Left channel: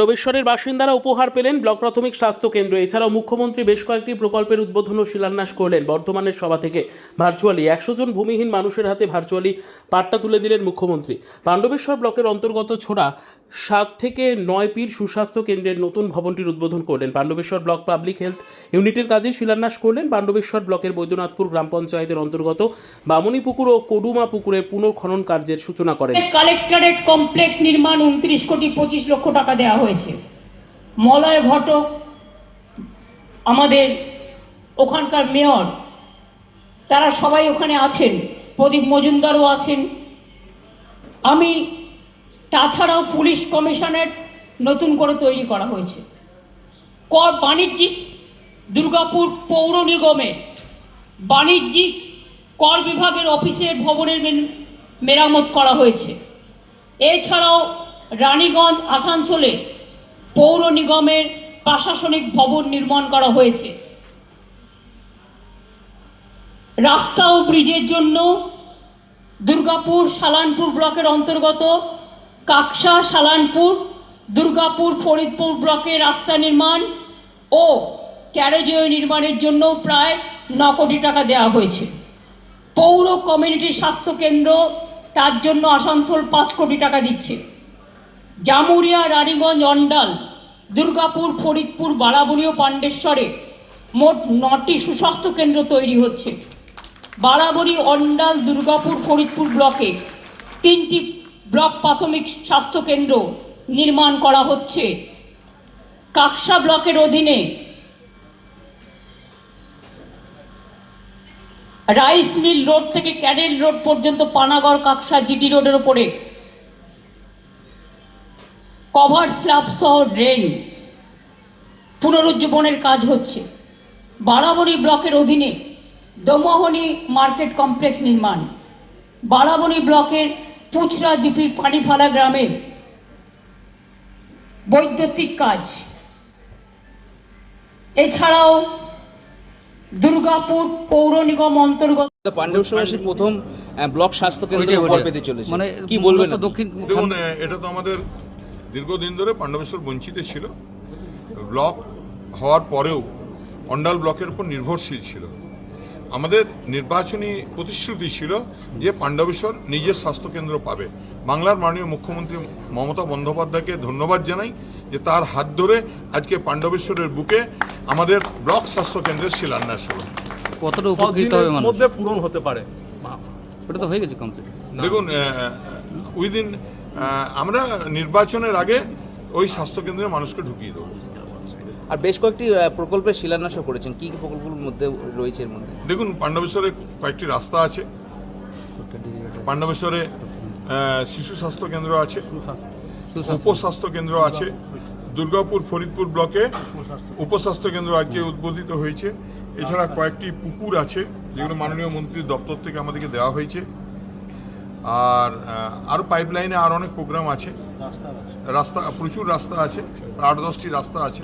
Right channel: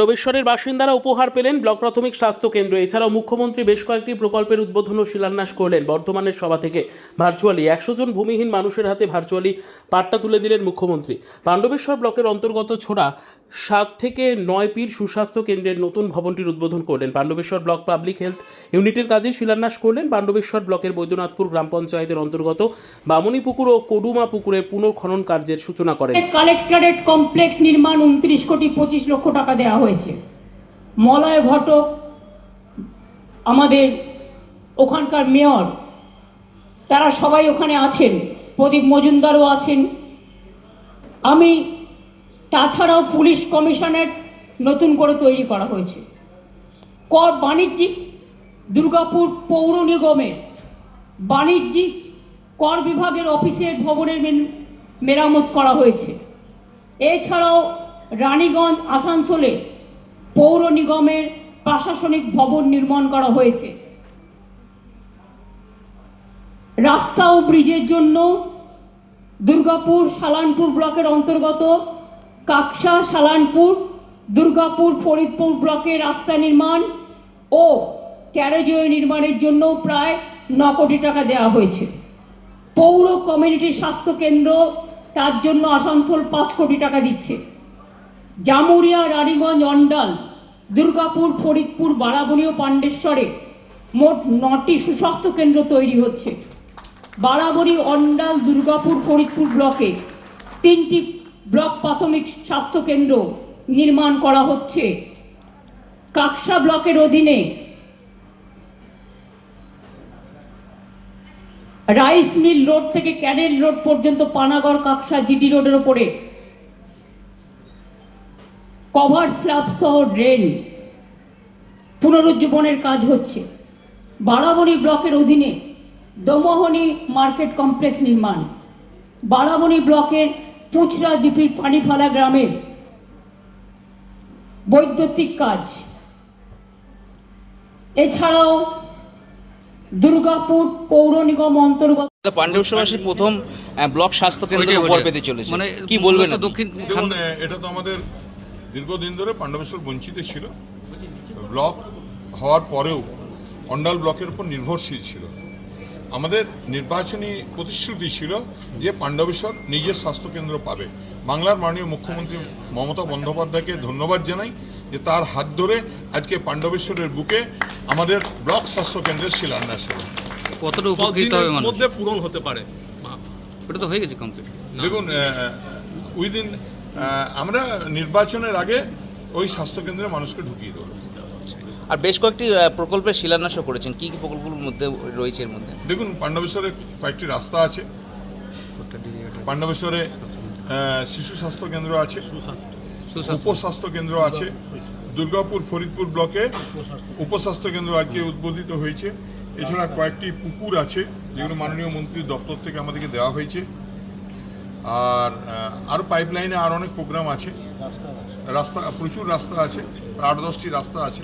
রবেশ্বরের বাসিন্দারা উপহার পেলেন ব্লক প্রাথমিক স্বাস্থ্য কেন্দ্র। এছাড়াও মুখ্যমন্ত্রী বেশ কয়েকটি প্রকল্পের উদ্বোধন ও শিলান্যাস করলেন। বর্ধমানের সভা থেকে ভার্চুয়ালি একশো জন ভূমিহীন মানুষের হাতে ভার্চুয়ালি পাট্টা তুলে দিলেন মুখ্যমন্ত্রী। পাণ্ডবেশ্বর ব্লকের অন্তর্গত ছোড়া সাত থেকে নয় পীর সুস্বাস্থ্য কেন্দ্রের নতুন ভবনটির উদ্বোধন করলেন পাণ্ডবেশ্বর ব্লক পাবলিক হেলথ ইউনিটের কাজে শিলান্যাস করলেন পাণ্ডবেশ্বর ব্লকের বৈদ্যনাথপুর গ্রাম পঞ্চায়েতের অন্তর্গত বামুনি পুকুর ও কডুমা পুকুরের পুনর্খনন কার্যের সূচনা করেন। কালেক্টরেট কমপ্লেক্স নির্মাণ উনত্রিশ কোটি পঁচিশ লক্ষ টাকা দেওয়া হয়েছে। মলয় ঘটক আমাদের ওখানকার মেয়র, তারা সবাই ওখানে আছেন, প্রদীপ মজুমদারও আছেন। আমি তাছাড়াও পুলিশ কমিশনের নতুন করে তৈরি করা হয়েছে। কর বাণিজ্যিক, দুর্গাপুর পৌর নিগমে বাণিজ্যিক কর বিভাগের অফিসের ভবনের মেরামত করা হয়েছে। এছাড়াও রানীগঞ্জ, আসানসোলে পৌর নিগমের প্রশাসনিক ভবন নির্মাণ করা হয়েছে। রাস্তা ও ব্রিজের জন্য দুর্গাপুর, সালানপুর ব্লকের অন্তর্গত কাকসা, সালানপুর, দুর্গাপুর, ফরিদপুর ব্লকে রাস্তা নির্মাণ ও ক্যারেজওয়ে নির্মাণের জন্য প্রায় ন কোটি টাকা দেওয়া হয়েছে। পৌর কমিউনিটি স্বাস্থ্য কেন্দ্র তার জন্য আসানসোল পাঁচ কোটি টাকা দিচ্ছে। জামুরিয়া, রানীগঞ্জ, অন্ডাল, দুর্গাপুর, ফরিদপুর বারাবণী ও পাণ্ডেশ্বরে মোট নটি সুস্বাস্থ্য কেন্দ্র তৈরি হচ্ছে। বারাবণী অন্ডাল, দুর্গাপুর, ফরিদপুর ব্লকে তিনটি ব্লক প্রাথমিক স্বাস্থ্য কেন্দ্র নির্মাণ করা হচ্ছে। কাকসা ব্লকের অধীনে রাইস মিল রোড থেকে ক্যানেল রোড পর্যন্ত পানাগড় কাকসা জিটি রোডের ওপরে। কভার স্ল্যাব সহ ড্রেন। পুনরুজ্জীবনের কাজ হচ্ছে। বারাবণী ব্লকের অধীনে দমোহনী মার্কেট কমপ্লেক্স নির্মাণ। বারাবণী ব্লকের পুচরা ডিপির পানিফালা গ্রামের বৈদ্যুতিক কাজ। এছাড়াও দুর্গাপুর পৌর নিগম অন্তর্গত পাণ্ডবেশ্বরবাসী প্রথম আহ, ব্লক স্বাস্থ্য কেন্দ্র ওইটাই, উপর পেতে চলেছে। মানে কি বলবেন? দক্ষিণ এটা তো আমাদের দীর্ঘদিন ধরে পাণ্ডবেশ্বর বঞ্চিত ছিল। ব্লক হওয়ার পরেও অন্ডাল ব্লকের উপর নির্ভরশীল ছিল। আমাদের নির্বাচনী প্রতিশ্রুতি ছিল যে পাণ্ডবেশ্বর নিজের স্বাস্থ্যকেন্দ্র পাবে। বাংলার মাননীয় মুখ্যমন্ত্রী মমতা বন্দ্যোপাধ্যায়কে ধন্যবাদ জানাই যে তার হাত ধরে আজকে পাণ্ডবেশ্বরের বুকে আমাদের ব্লক স্বাস্থ্যকেন্দ্রের শিলান্যাস হলো। কতটা উপকৃত হবে মধ্যে পূরণ হতে পারে। ওটা তো হয়ে গেছে কমপ্লিট দেখুন উইদিন আমরা নির্বাচনের আগে ওই স্বাস্থ্যকেন্দ্রে মানুষকে ঢুকিয়ে দেবো। আর বেশ কয়েকটি প্রকল্পের শিলান্যাসও করেছেন। কি কি প্রকল্পগুলোর মধ্যে রয়েছে এর মধ্যে? দেখুন, পাণ্ডবেশ্বরে কয়েকটি রাস্তা আছে। পাণ্ডবেশ্বরে শিশু স্বাস্থ্য কেন্দ্র আছে। উপস্বাস্থ্য কেন্দ্র আছে। দুর্গাপুর ফরিদপুর ব্লকে উপস্বাস্থ্য কেন্দ্র আজকে উদ্বোধিত হয়েছে। এছাড়া কয়েকটি পুকুর আছে, যেগুলো মাননীয় মন্ত্রীর দপ্তর থেকে আমাদেরকে দেওয়া হয়েছে। আর আরও পাইপলাইনে আর অনেক প্রোগ্রাম আছে। রাস্তা প্রচুর রাস্তা আছে। আট দশটি রাস্তা আছে।